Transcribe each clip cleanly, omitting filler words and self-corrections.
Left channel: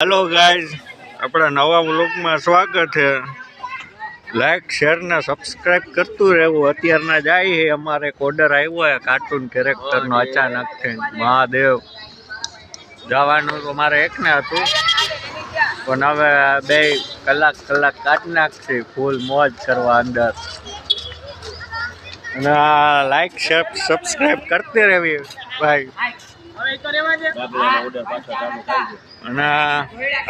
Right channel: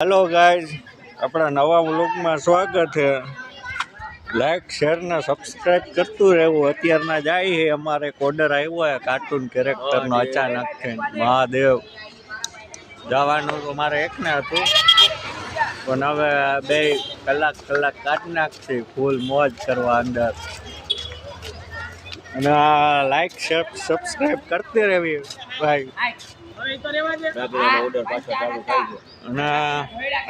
Hello guys अपना नवा व्लॉग में स्वागत है। लाइक शेर ने सब्सक्राइब करतु रहवुं। अत्यारना जाय है अमारे ऑर्डर आव्यो है कार्टून कैरेक्टर नो अचानक थी महादेव जवानुं तो मारे एक ने हतुं पण हवे 2 कलाक काढी नाखशे फूल मौज करवा अंदर। અને લાઈક શેર સબસ્ક્રાઇબ કરતે રહેવી ભાઈ। અને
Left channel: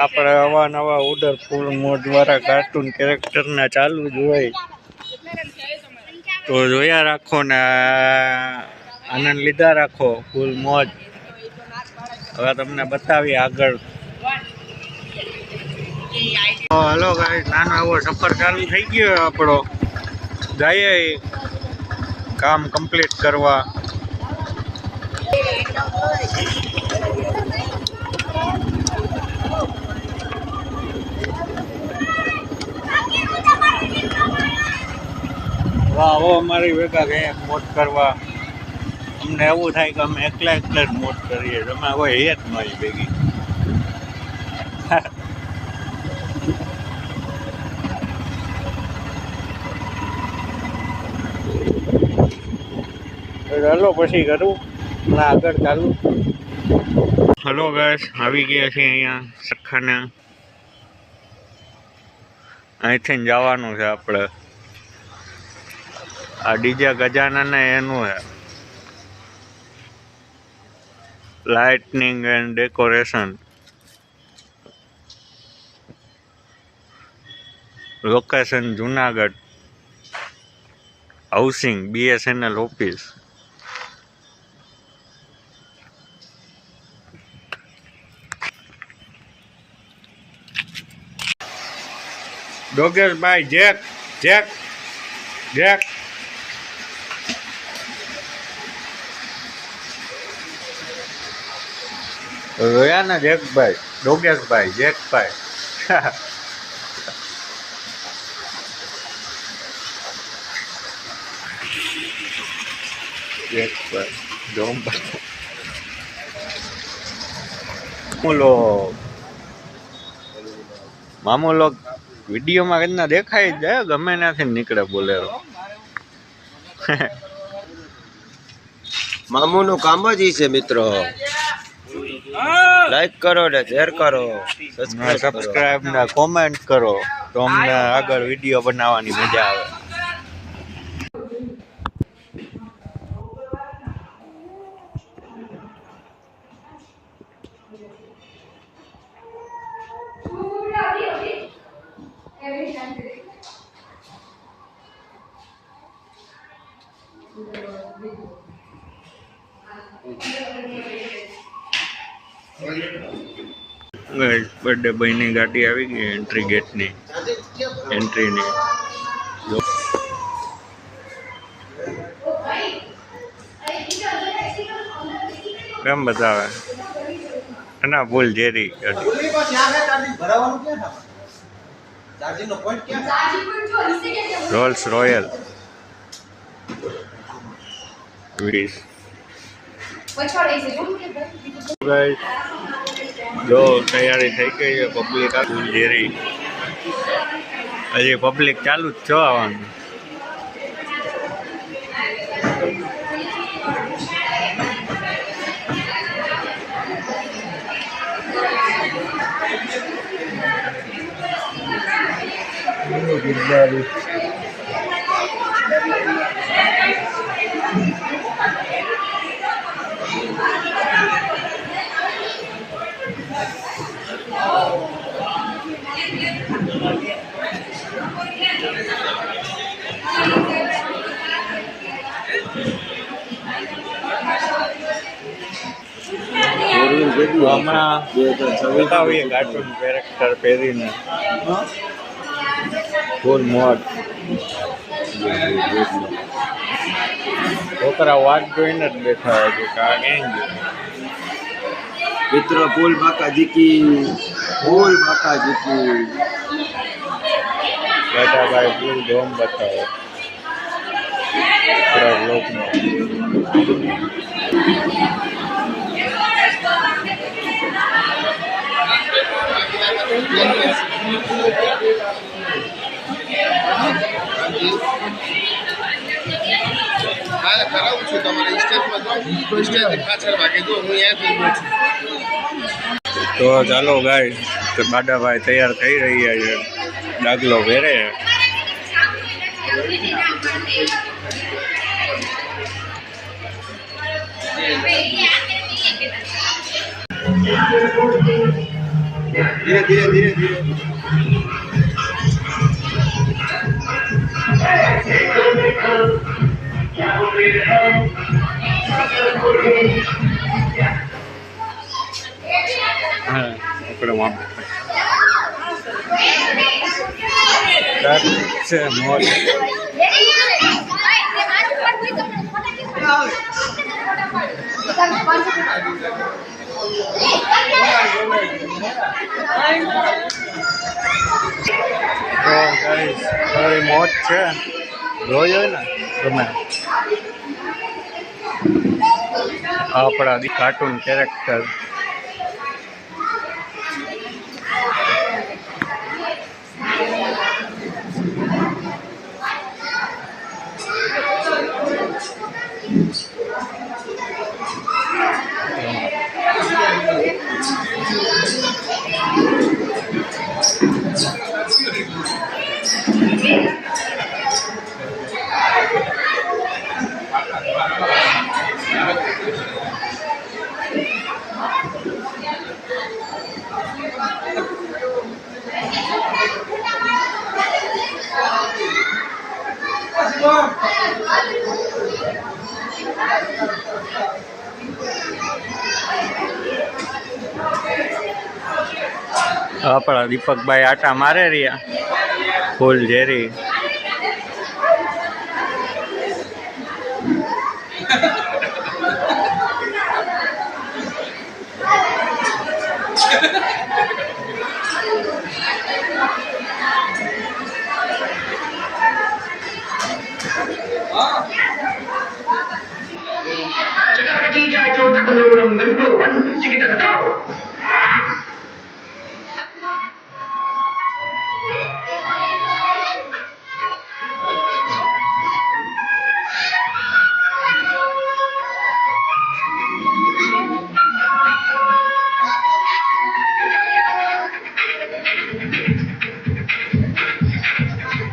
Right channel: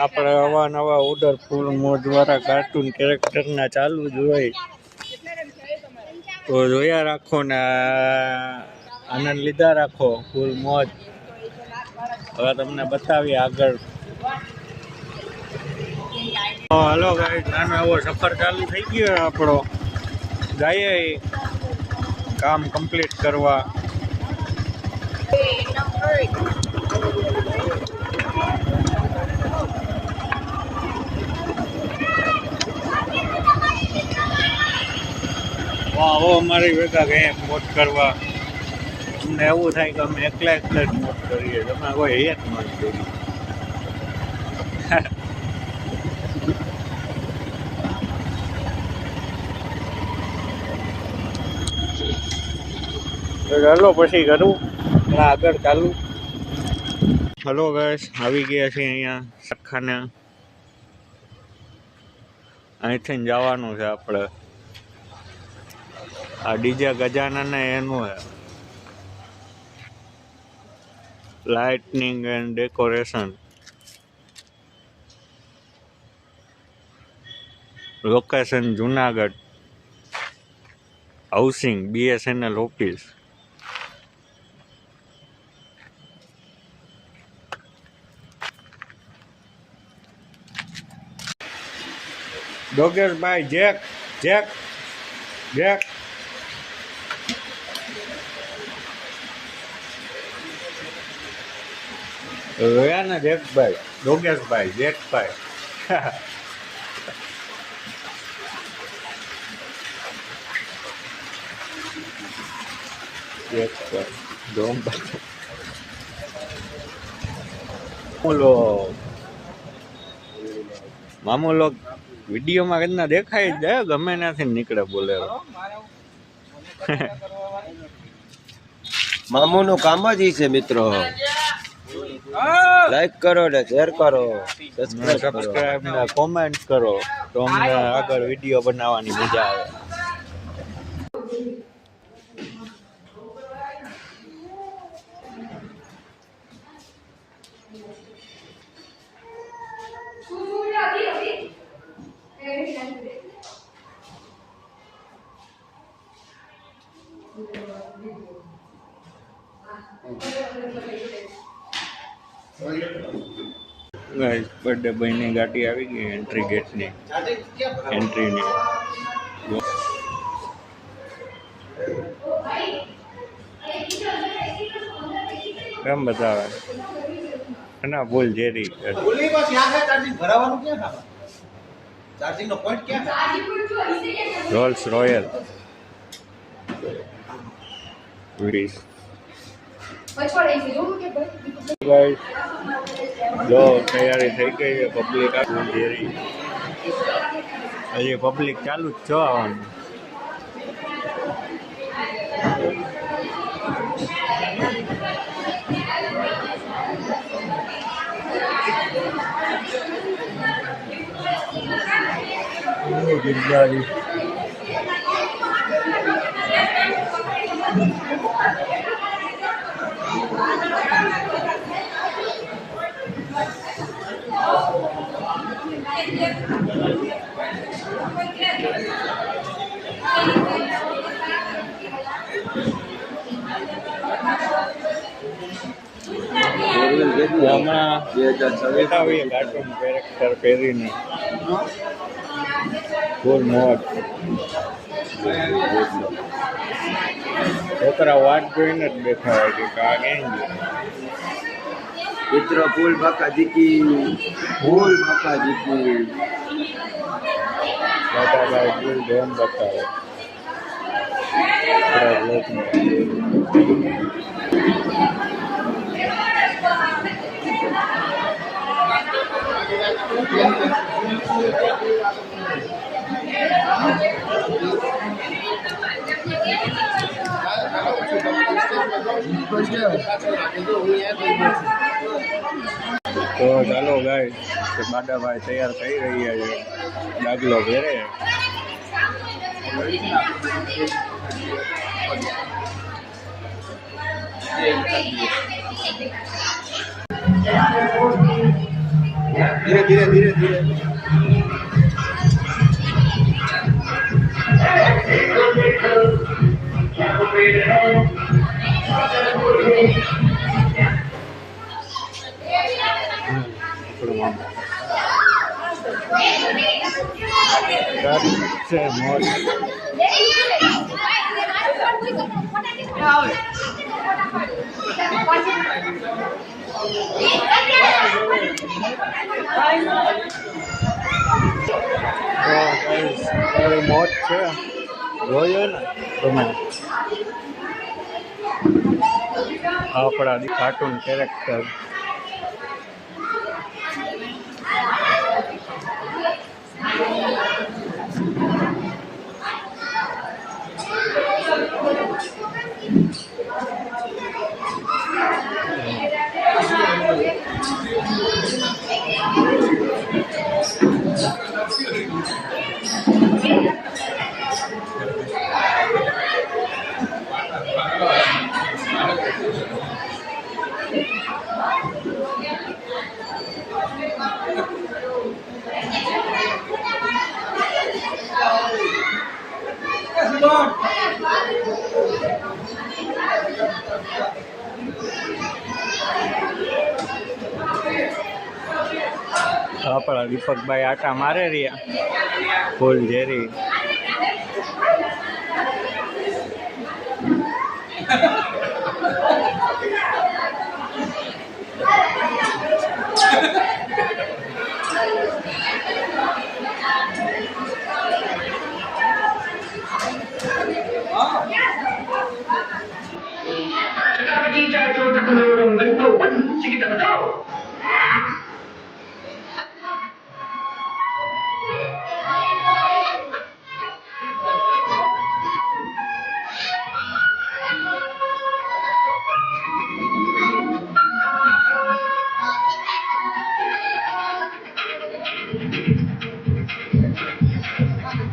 આપણે અવાનવા ઓર્ડર ફૂલ મોજવાળા કાર્ટૂન કેરેક્ટરના ચાલુ જ હોય તો જોયા રાખો ને આનંદ લીધા રાખો ફૂલ મોજ। હવે તમને બતાવીએ આગળ। હલો ગાઈસ નાનો એવો સફર ચાલુ થઈ ગયો આપણો। જઈએ काम कंप्लीट करवा। वाह वो हमारी वेगा गए मोज करवा। अमने एवं थाय कि अमे एकला ज मोज करीए तमे कोई है ज नहीं भेगी। हेलो पछी करूँ आगर चालू। हेलो गाइस આવી ગયા છે અહીંયા સરખાને। અહીંથી જવાનું છે આપણે। આ ડીજે ગજાનન એનું છે lightning and decoration. Location Junagadh housing BSNL office. Dogesh भाई जैक जैक जैक रोया ना जैक भाई डोगेश भाई जैक भाई जैक भाई डोम भाई मामू लोग विडियो में कितना देखाई जाए गमे ना निकले बोलेरो। मामू नु काम ज छे मित्रों। लाइक करो ने शेर करो सब्सक्राइब ने कमेंट करो तो अमने आगळ विडियो बनाववानी मजा आवे। बर्थडे भाई ने गाड़ी आई गई एंट्री गेट ने एंट्री ने जो केम बतावे ना बोल जेरी रोल्स रॉयल गाइस जो तैयारी थी गई है पब्लिक आ जेरी हजी पब्लिक चालू ज छो आवानुं। बताइए कार्टून कैरेक्टर પહેરીને ફૂલ મોજ। છોકરા વાટ જોઈને જ બેઠા હોય કે કા ક્યાં ગયો मित्रों। फूल बाकाजी की बेटा भाई फूल डोम बताओ पूरा ब्लॉग में। હા કરાવું છું તમારે સ્ટેજમાં જાઉં સ્ટેજ પાછળ ભાગે જો હું અહીંયાથી ગયો છું. તો ચાલો ગાય તો બાડાભાઈ તૈયાર થઈ રહ્યા છે, ડાગલો પહેરે. ધીરે ધીરે ધીરે ધીરે હા આપણે મામા છે મોજ. તો ગાઈસ મારી મોજ છે, જોયો ને તમે આપણા કાર્ટૂન કેરેક્ટર. આપણા દીપકભાઈ આટા મારે રહ્યા ફૂલ ઝેરી.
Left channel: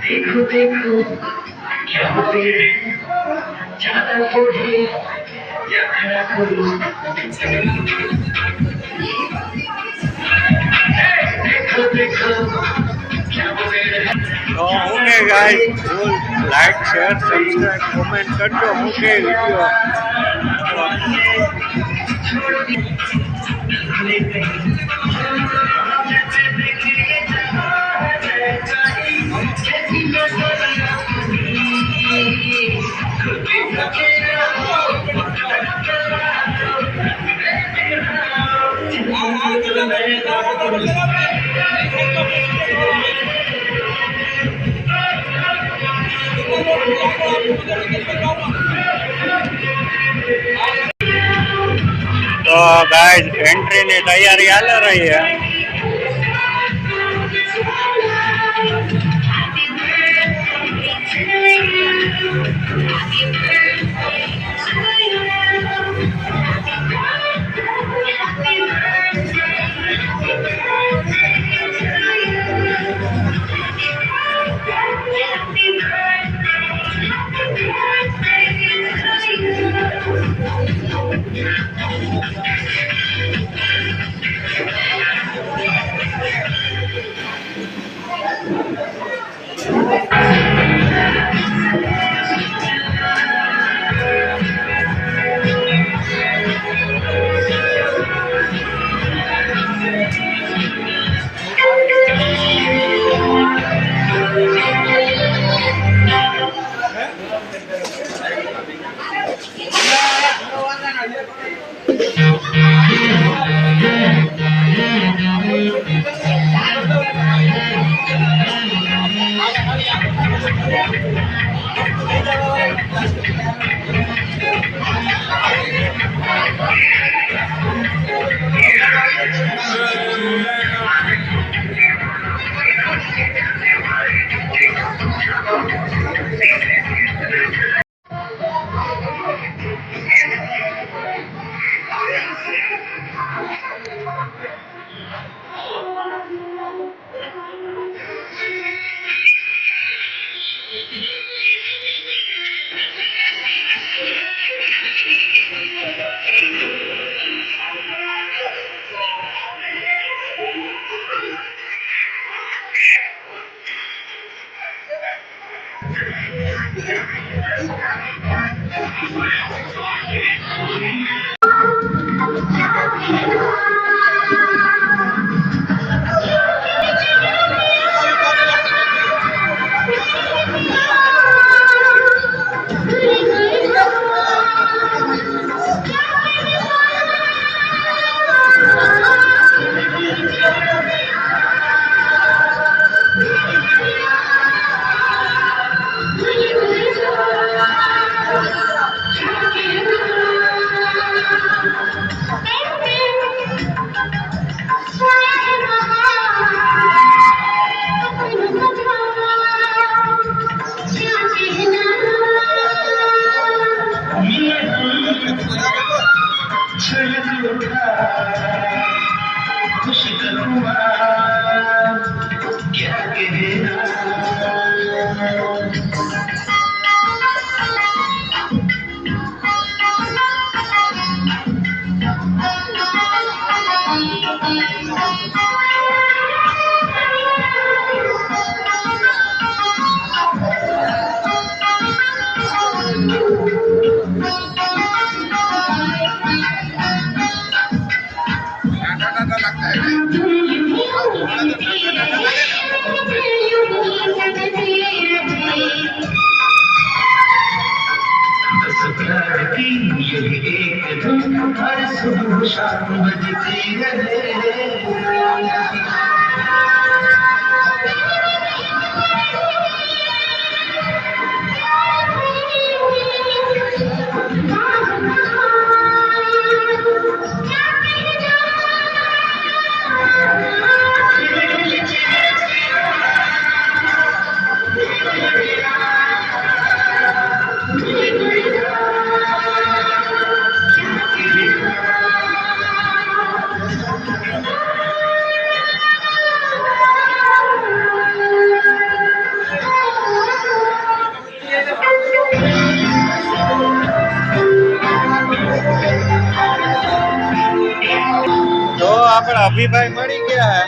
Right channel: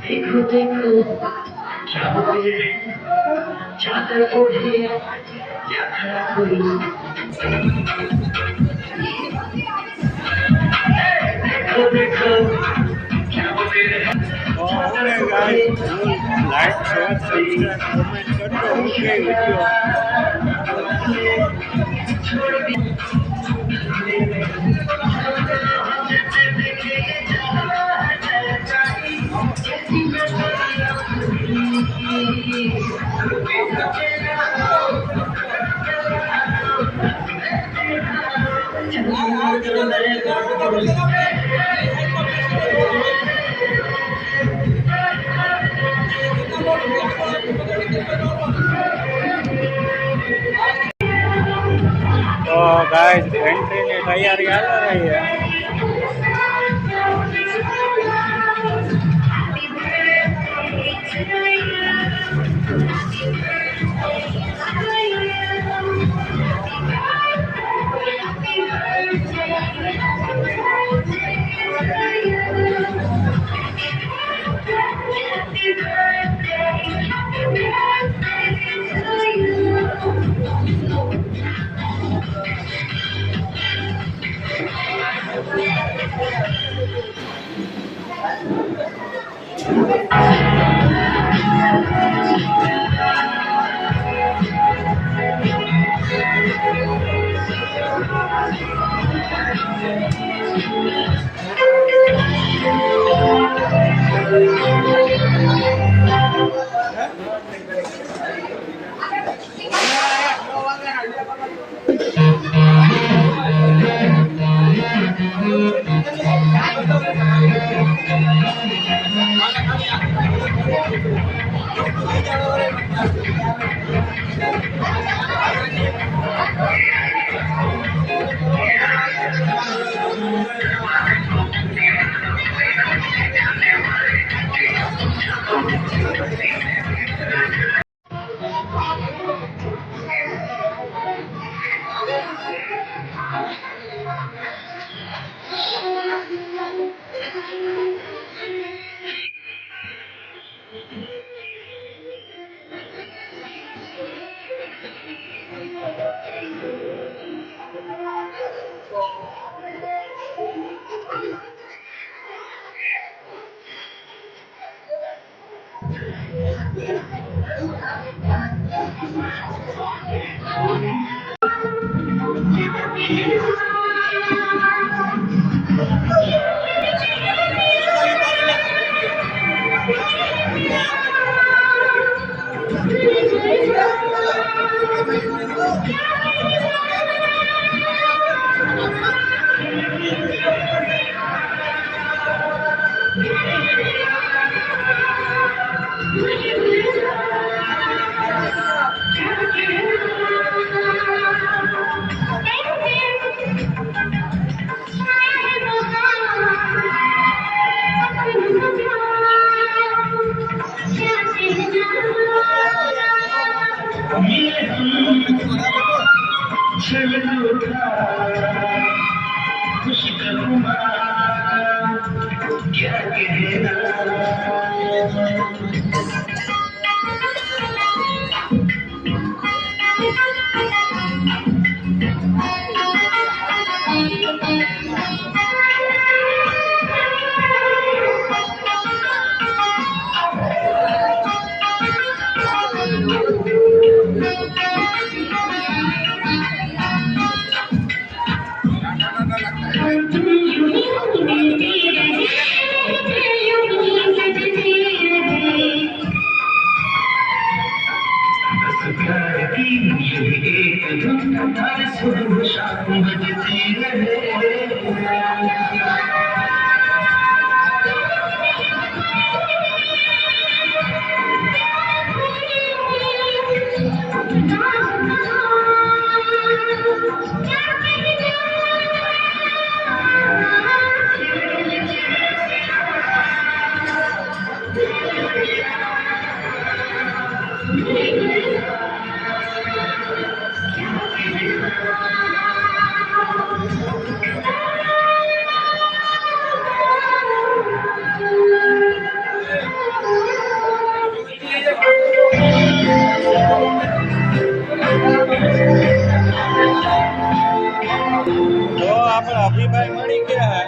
देखो देखो क्या पेड़ है चादर ओढ़े या खड़ा करूं देखो देखो क्या पेड़ है. તો હું કે ગાઈસ ફૂલ લાઈક શેર સબસ્ક્રાઇબ કોમેન્ટ કરજો. હું કે વિડીયો તો ગાઈસ એન્ટ્રીની તૈયારી હાલે રહી છે. આપણા અભિભાઈ મળી ગયા.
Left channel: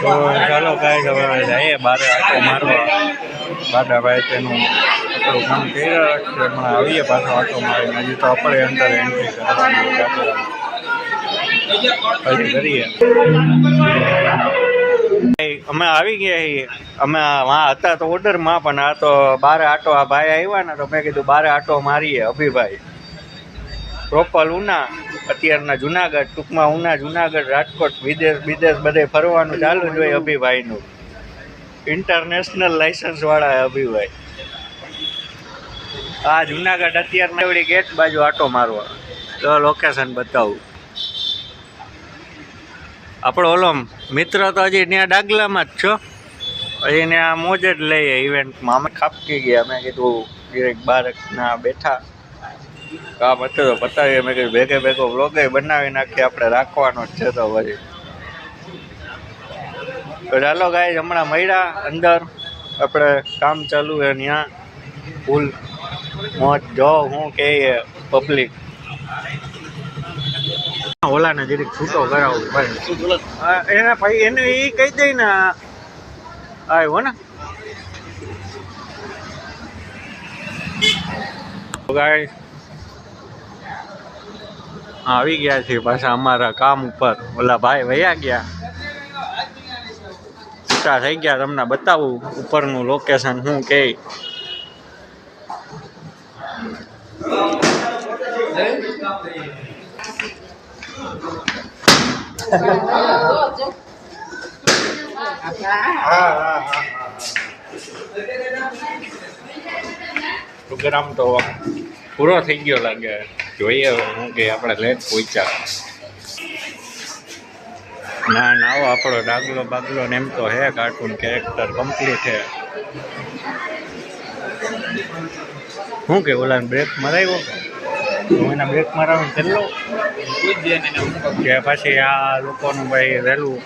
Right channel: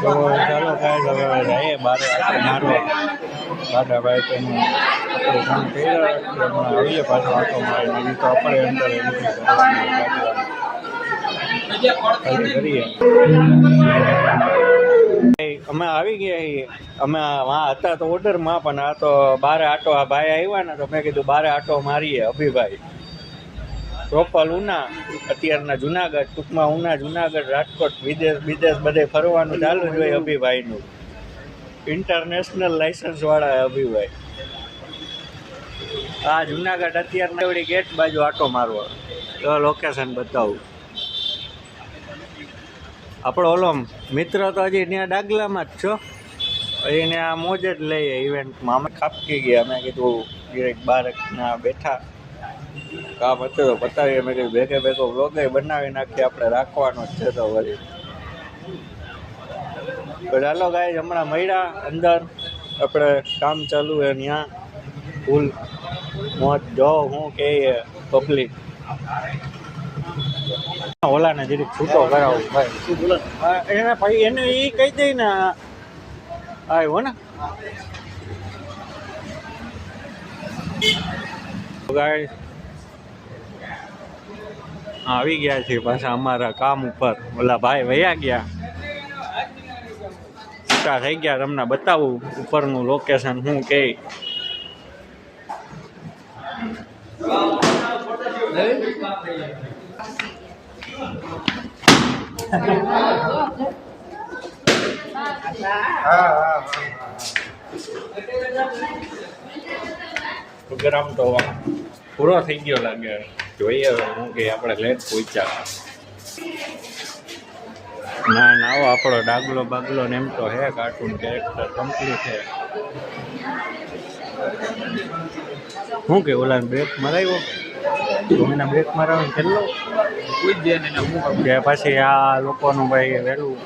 તો ચાલો કાંઈ હવે જઈએ બારે આટો મારવા. દાદાભાઈ તેનું આપણું કામ કરી રહ્યા છે. હમણાં આવીએ પાછો આટો મારીને. હજી તો આપણે અંદર એન્ટ્રી કરવાની હજી કરીએ. અમે આવી ગયા છીએ. અમે વાં હતા તો ઓર્ડરમાં, પણ આ તો બારે આટો આ ભાઈ આવ્યા ને તો મેં કીધું બારે આટો મારીએ. અભિભાઈ પ્રોપર ઉના, અત્યારના જુનાગઢ, ટૂંકમાં ઉના, જુનાગઢ, રાજકોટ, વિદેશ બધે ફરવાનું ચાલુ જ હોય અભિભાઈનું. ઇન્ટરનેશનલ લાઇસન્સ વાળા અભિભાઈ. આ જુનાગઢ અત્યારમાં એવડી ગેટ બાજુ આટો મારવા. તો લોકેશન બતાવું. આપણો ઓલો મિત્ર તો હજી ત્યાં ડાગલામાં જ છો. હજી ને આ મોજ જ લઈએ ઇવેન્ટમાં. અમે ખાપકી ગયા. મેં કીધું ડિરેક્ટ બારકના બેઠા કામ હતું તો પતાવીએ. મેં કીધું ભેગો વ્લોગે બનાવી નાખીએ, આપણે રાખવાનો જ છે. તો પછી તો ચાલો ગાઈસ, હમણાં મળ્યા અંદર. આપણે કામ ચાલુ છે ત્યાં ફૂલ મોજ. જો હું કે પબ્લિક ઓલાને જરીક છૂટો કરાવું ભાઈ. એને ભાઈ એને એ કહી દઈ ને આવ્યો ને ગાઈસ. આવી ગયા છીએ પાછા અમારા કામ ઉપર. ઓલા ભાઈ વયા ગયા, છૂટા થઈ ગયા. તમને બતાવું ઉપરનું લોકેશન શું કે. પ્રોગ્રામ તો પૂરો થઈ ગયો લાગે. જોઈએ હું કે આપણે લેટ પહોંચ્યા. ના આવો આપણો ડાગલો બાગલો ને એમ તો હે કાર્ટૂન કેરેક્ટર કમ્પ્લીટ હે. શું કે ઓલા બ્રેક મરાવ્યો કે એના બ્રેક મરાવવાનું કેટલો કે પછી આ લોકોનું ભાઈ વહેલું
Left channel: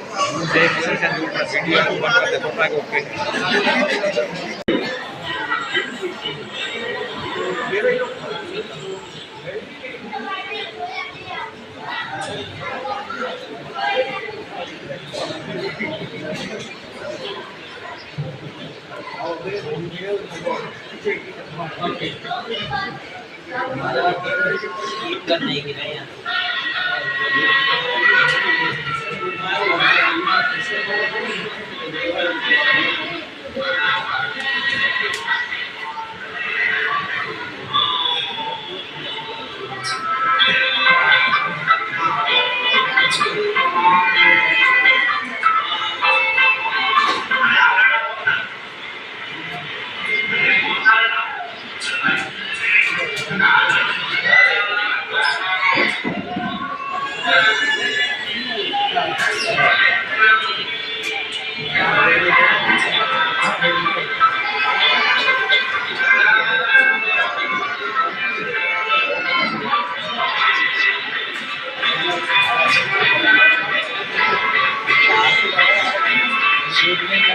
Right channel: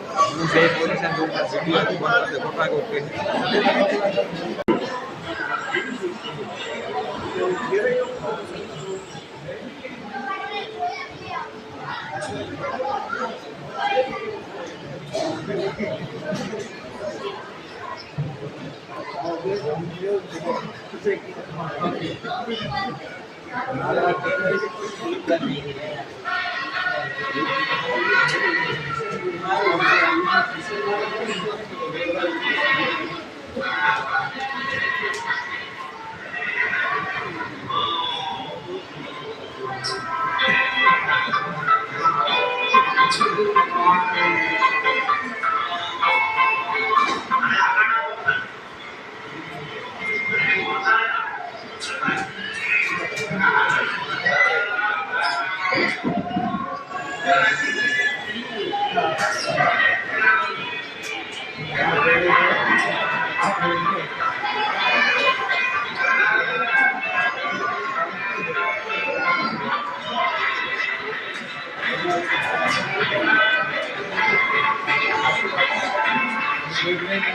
બધાય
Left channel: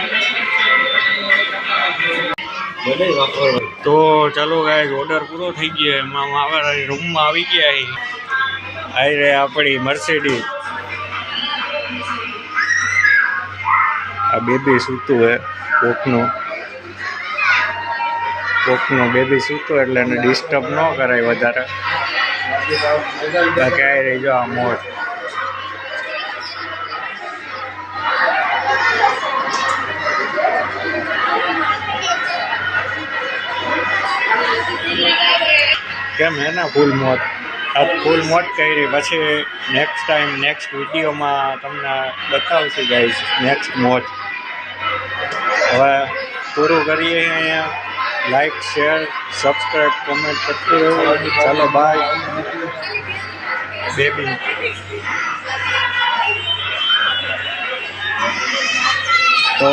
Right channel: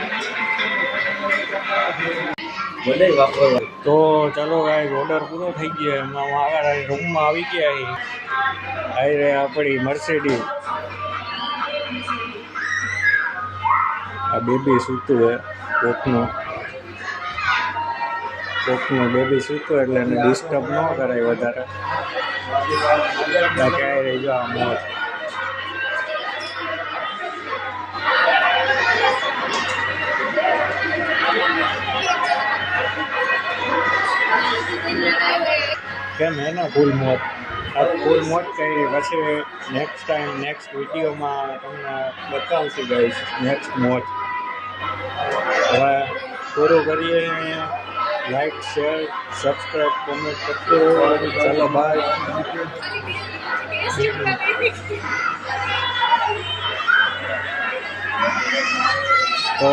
વાપરવા. તો ચાલો ગાઈઝ ઓર્ડર પૂરો થઈ ગયો. એમાં અમારા રૂમમાં આવી ગયા છે. આવી રે આપણી મર્સિડીઝ. આ બેબી સૂતું હે કોકનું બેબી સૂતું એટલે એને ડિસ્ટર્બ ન કરાય વધારે. બાકી આવી રહી જો આ મોજ. કેમ હે ને ફૂલ મોજ. આ ફૂલ મોજ કરી. પછી નેક્સ્ટ ટાઈમ નેક્સ્ટ વિડીયોમાં તમને બતાવશું ગાઈસ નેક્સ્ટ મોજ. હવે પૂરું કરીએ અહીંયા. લાઈક શેર સબસ્ક્રાઈબ કોમેન્ટ કરતું રહેવું. ચાલો બાય બેબી. તો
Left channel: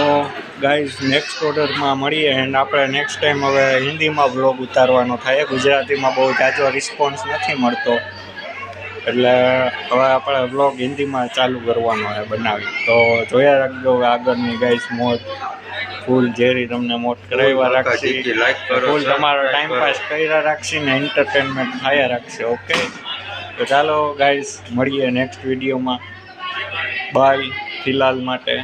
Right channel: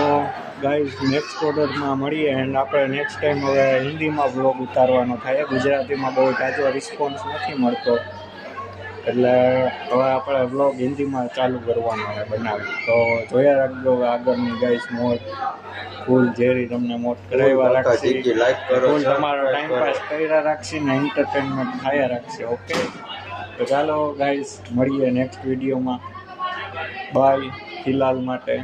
ગાઈઝ નેક્સ્ટ ઓર્ડરમાં મળીએ. એન્ડ આપણે નેક્સ્ટ ટાઈમ હવે હિન્દીમાં બ્લોગ ઉતારવાનો થાય. ગુજરાતીમાં બહુ જાજો રિસ્પોન્સ નથી મળતો એટલે હવે આપણે બ્લોગ હિન્દીમાં ચાલુ કરવાનો છે બનાવી. તો જોયા રાખજો આગળની ગાઈઝ મોજ. ફૂલ જેરી તમને મોટ કરાવ્યા રાખશી. લાઈક કરો, ફૂલ તમારો subscribe ટાઈમ કરો. પાસ કર્યા રાખશી ને એન્ટરટેનમેન્ટ થયા રાખશે. ઓકે તો ચાલો ગાઈઝ મળીએ નેક્સ્ટ વિડીયોમાં. બાય ફિલહાલ માટે.